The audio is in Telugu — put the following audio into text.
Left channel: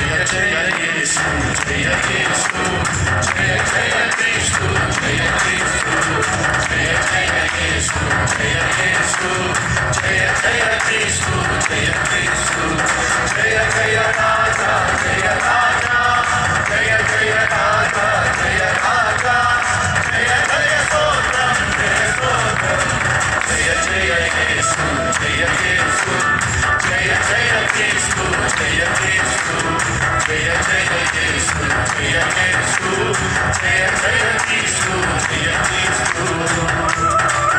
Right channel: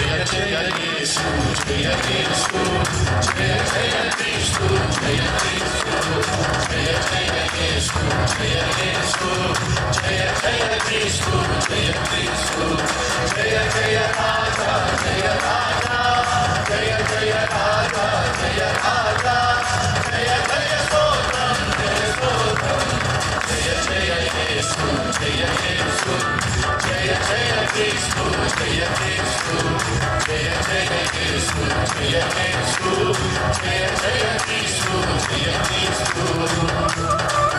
జయ యేసు జయ యేసు జయ జయ క్రీస్తు జయ క్రీస్తు జయ జయ యేసు జయ యేసు జయ జయ క్రీస్తు జయ క్రీస్తు జయ జయ రాజా జయ రాజా జయ జయ రాజా జయ రాజా జయ జయ స్తోత్రం జయ స్తోత్రం జయ జయ యేసు జయ యేసు జయ జయ క్రీస్తు జయ క్రీస్తు జయ జయ యేసు జయ యేసు జయ జయ క్రీస్తు జయ క్రీస్తు